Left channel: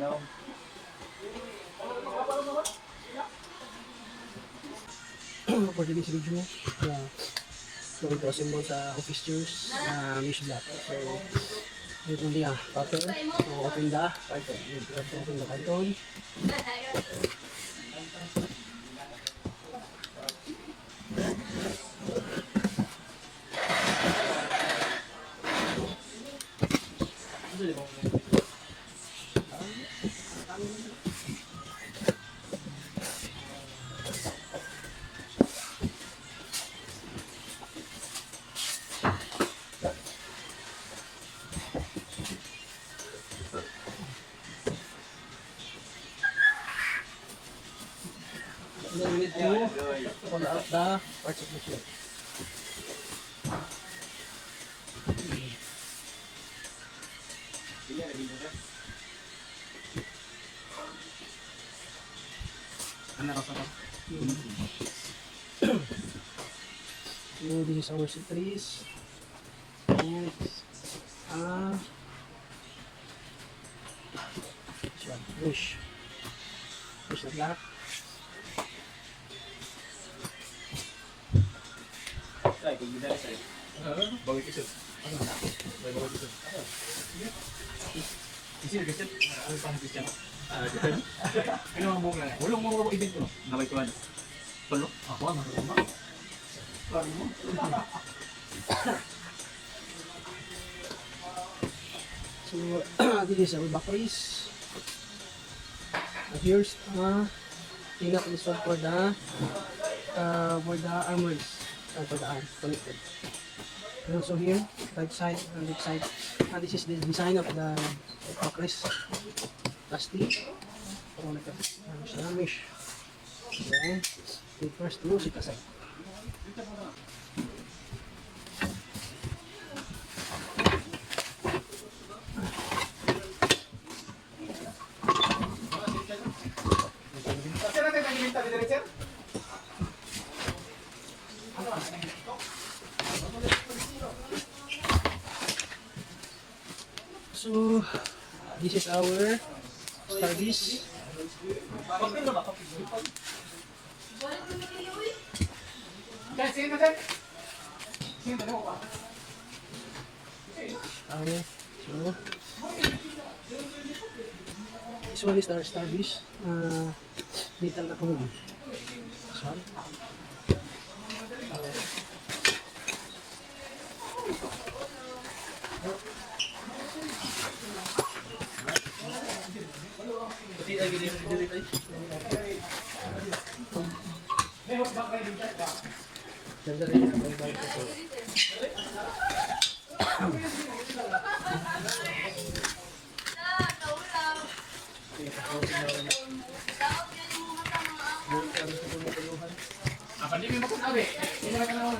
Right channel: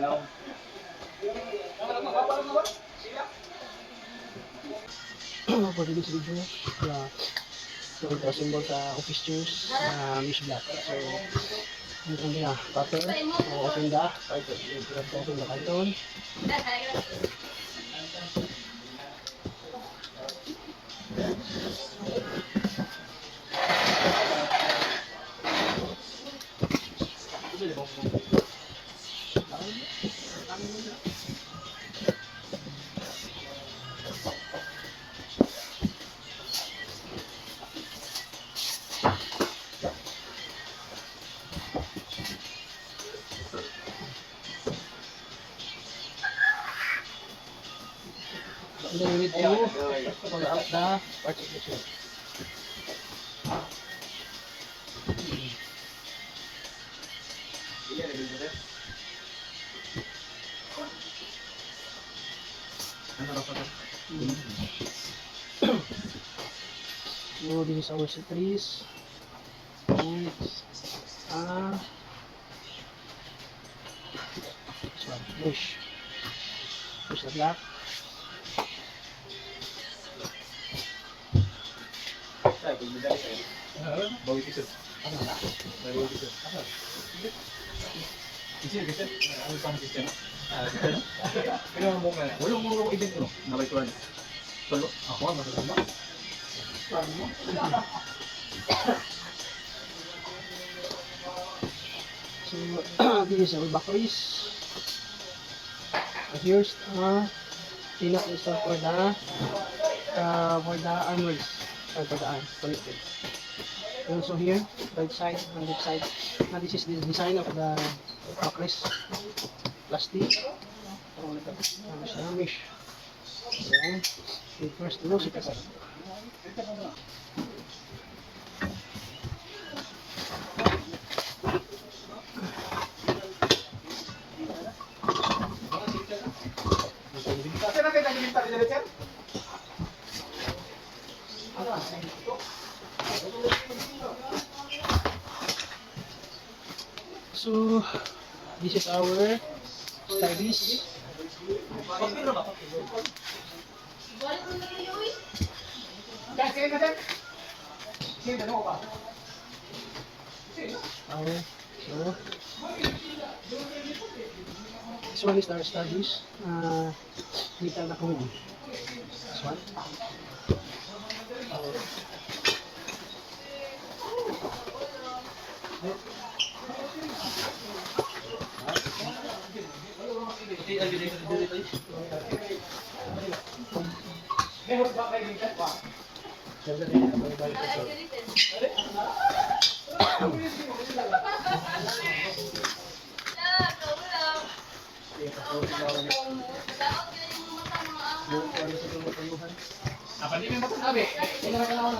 For this video, so ito symbol sa office chairs, news black. So, ito niya, pattern, open the carton. And then we need to pull out the parts of the chair. So this is our Seatrest. And this one, fish. Fish the black. Bawi kisut. Ano na? Bawi kisut. Kisut kisut. Ano pang kisut? Ano ang bunga? Wala mo agent ko. Nabay ko ano? Solo. Ako ang matutuma. So this is our backrest. Here's pinak install for the armrest. For the arm connected. And also here, right side and left side. This is the design of the backrest. Plastic. Mesh. Then, first close it aside. So, this is our service. So, this one is our service. Dito na kung this one. Apa ni memang pun abe? Ini kan awak.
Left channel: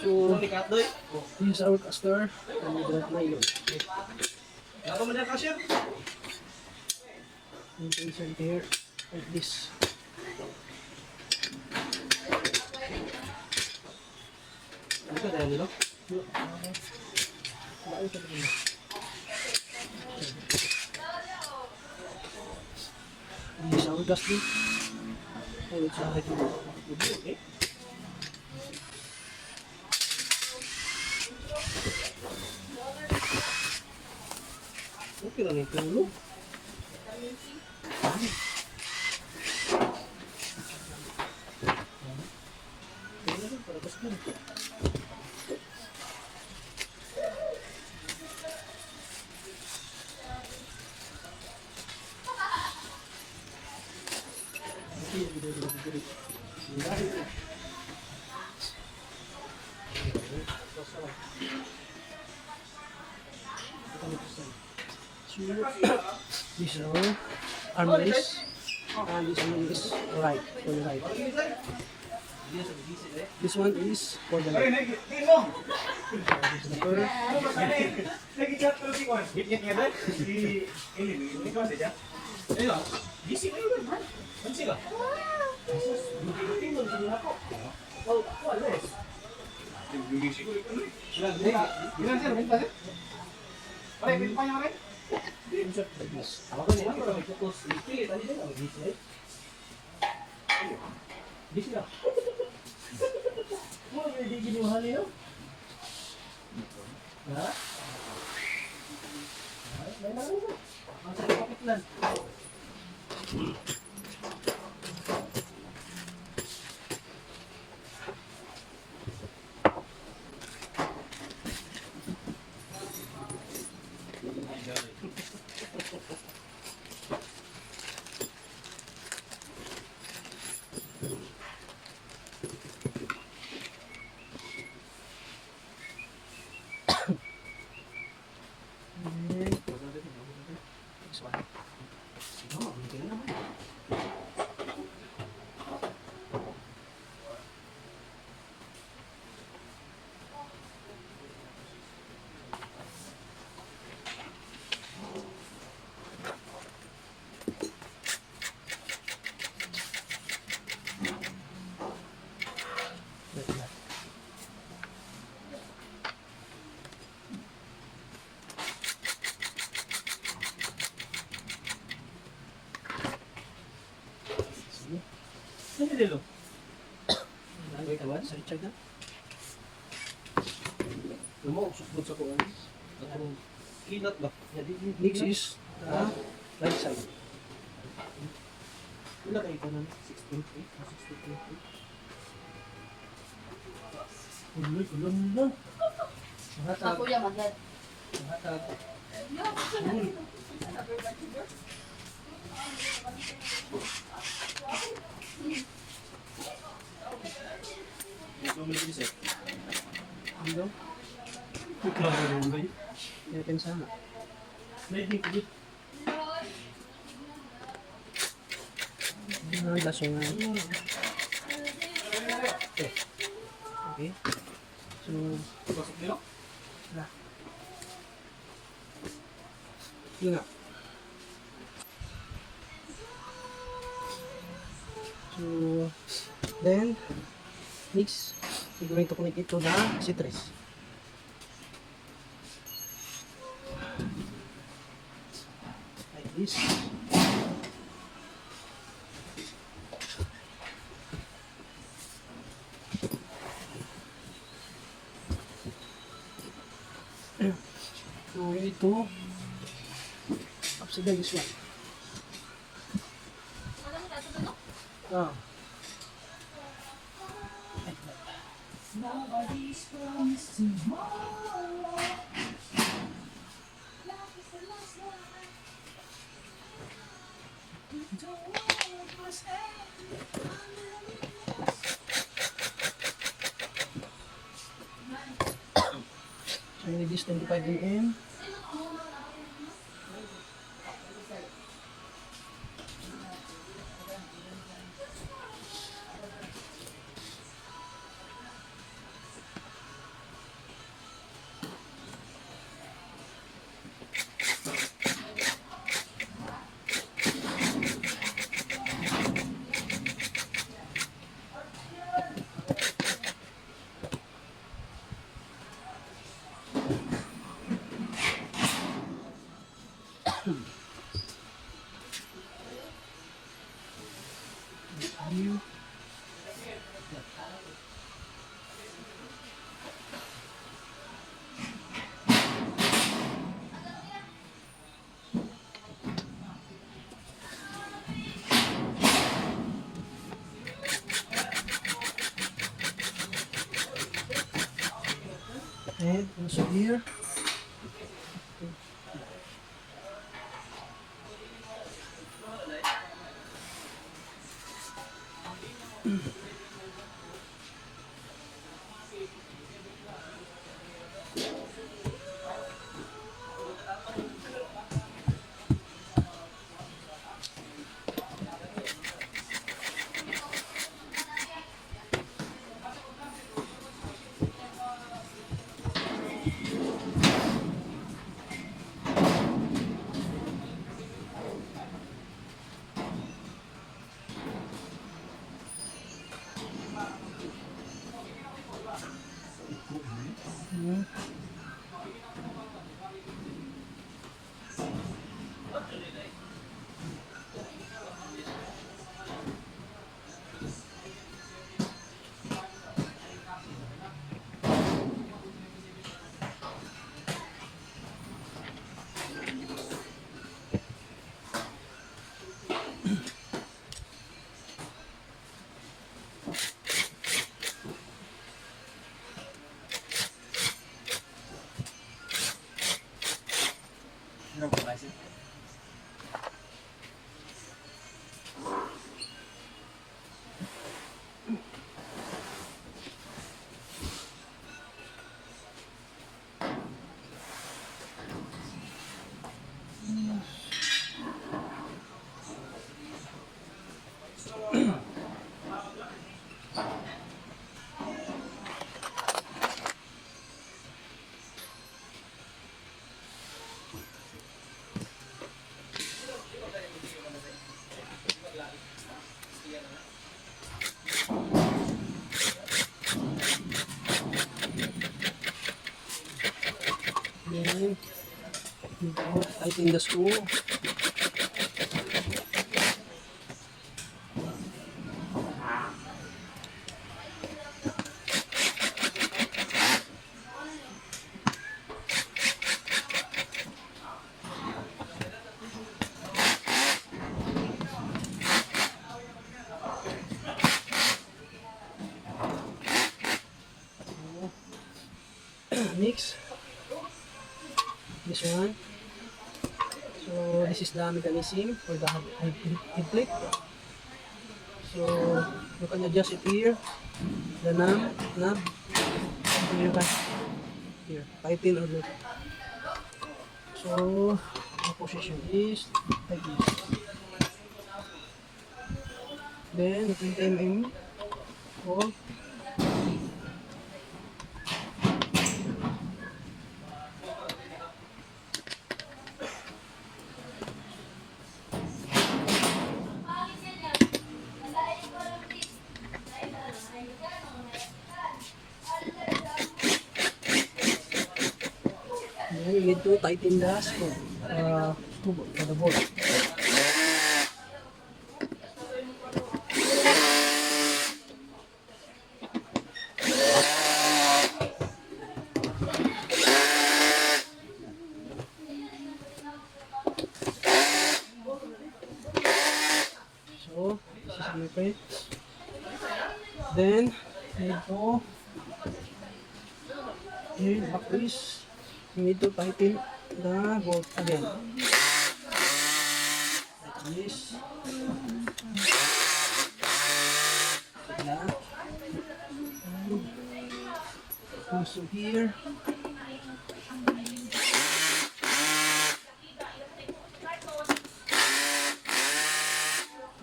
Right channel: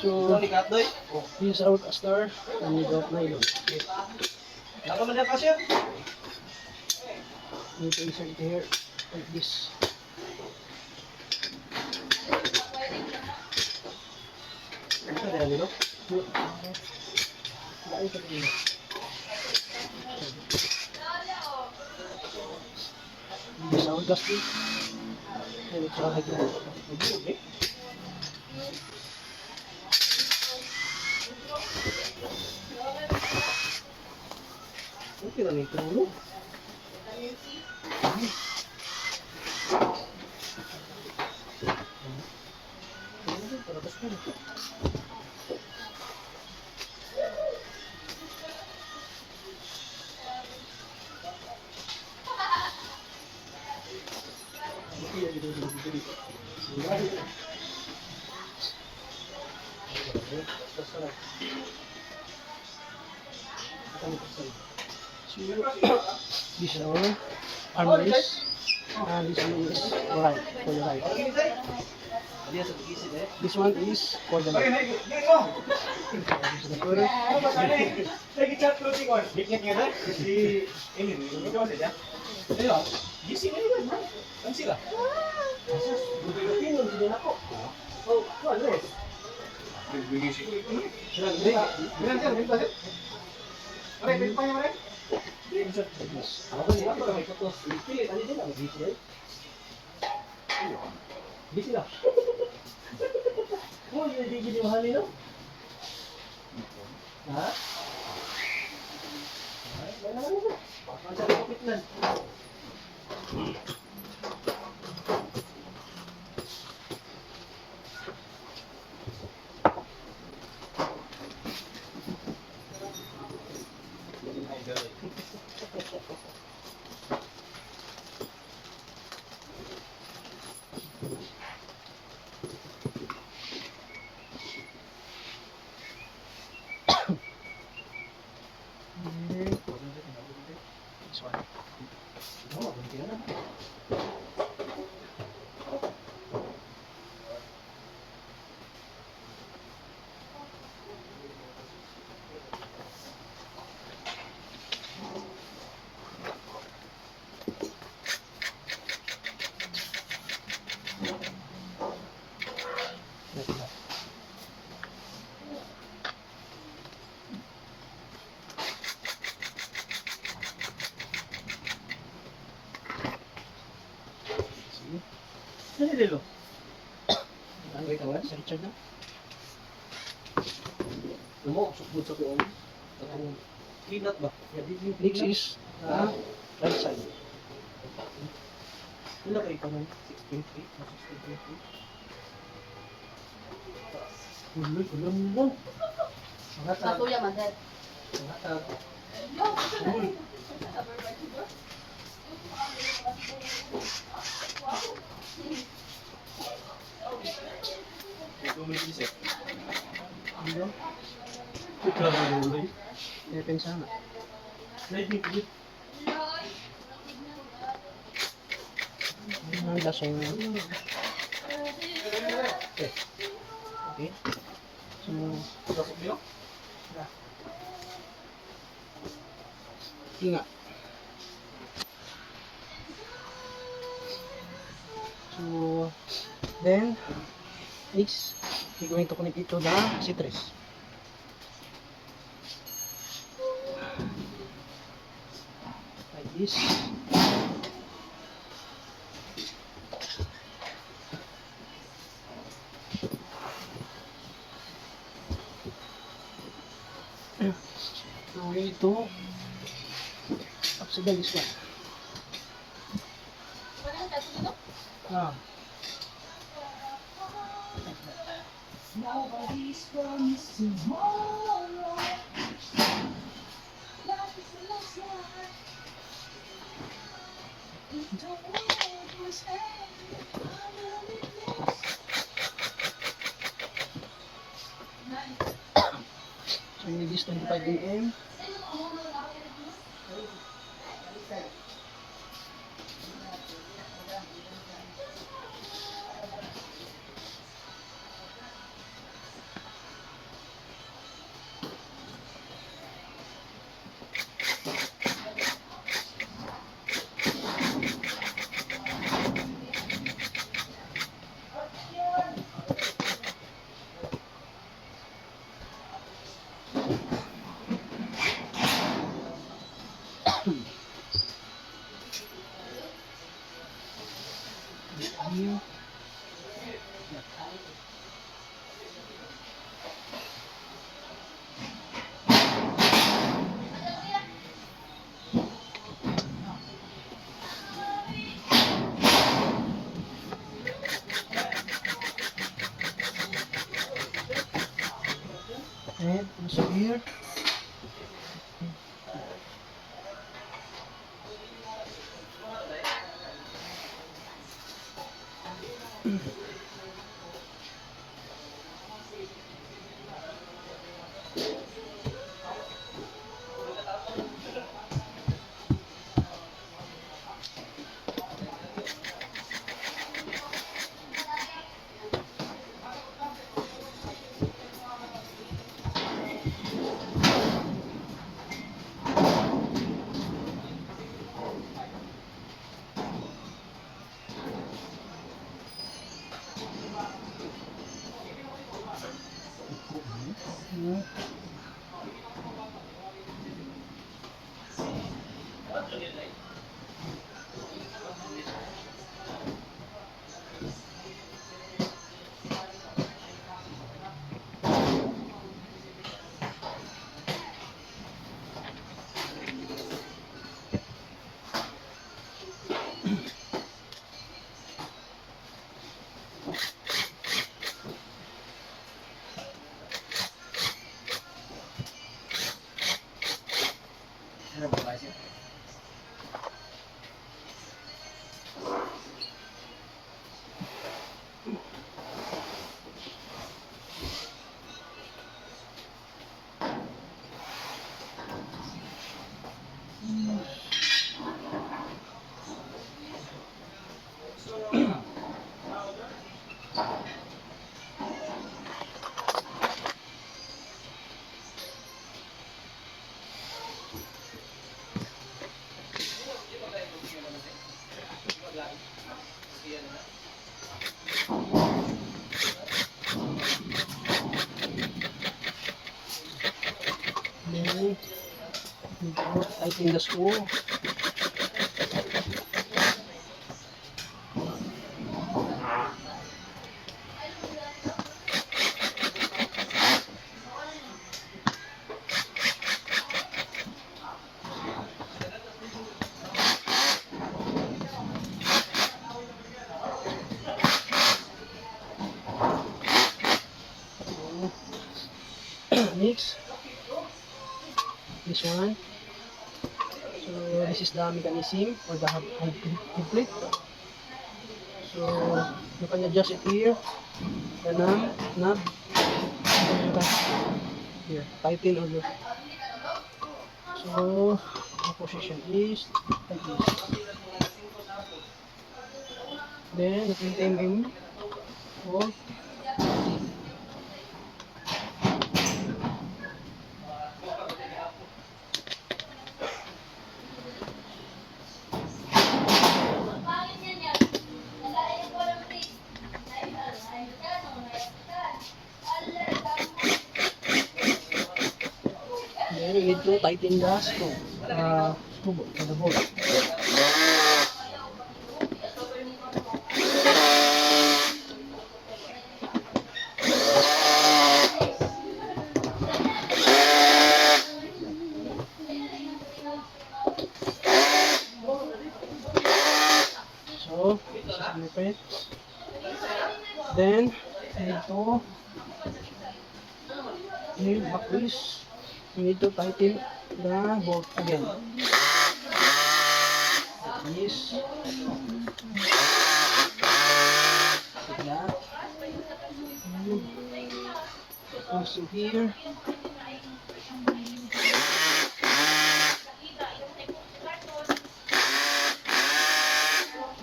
So, this is our caster and we drop nylon. Apa mana kasir? You can insert here like this. Ito dah ni lo. This is our dustbin and it's our headboard. Okay lang yung tulo. This is our armrest and this one is right for the right. This one is for the left. This is the first. Lagi chat ko si Kwan. Git-git nga dai. Ini ito saja. Ayo. Gisi mo yun, bro. Ang sila. Dugi-dugi mo dito na ko. Oh, wales. Bilang sir, bilang sir. Pare, bilang pa niya pare. Ako ba nila? Ito may kutos. Pili, tali din ako. Busy na. Oh, yun hindi giniwahan nila. Ha? May naman naman. Masa rin kapit lang. Ano dito? Ay, kawan, sa Richard na. Lumo, sukbod sa kuwan. Clean out ba? Next is, right side. Wala kayo pa nun? 6.8? Uloy, ulam mo. Matuya man, sir. Ito mo nabisi. Dito, Ikaw ang uloy. kaya pensama. Naibig ko. Lasong na. Okay. So, Pasok niyo? ingat. So, then, next, we're going to connect it to the Seatrest. Like this. So, we need to upside down this one. Ah. So, we need this 25 mm. Here. And also here. Then, tighten the screw. Next, this one. So this is the mechanism for the head plate. So you can adjust it here, the knob. So you can here tighten or loose. So the position is like this. Then you can time in. Hold. Then you need to tighten the screw for the bolt. So this is my point. Then you need to back this. You need to tighten the bolt again. Like this. Like that. And also here.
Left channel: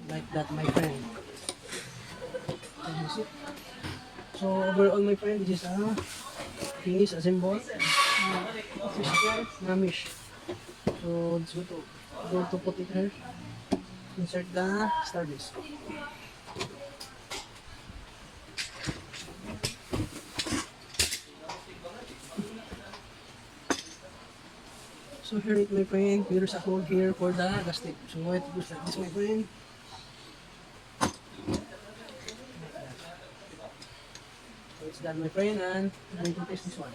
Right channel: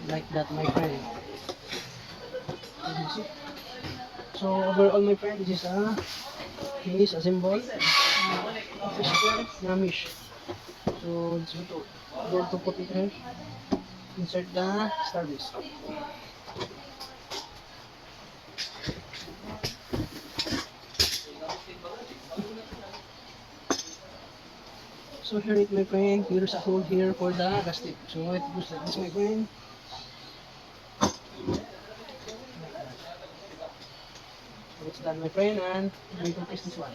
Like that, my friend. Can you see? So overall, my friend, this is a finish assemble system namish. So it's good to put it here. Insert the service. So here it, my friend, there's a hole here for the gasket. So it goes like this, my friend. So it's done, my friend, and I'm going to test this one.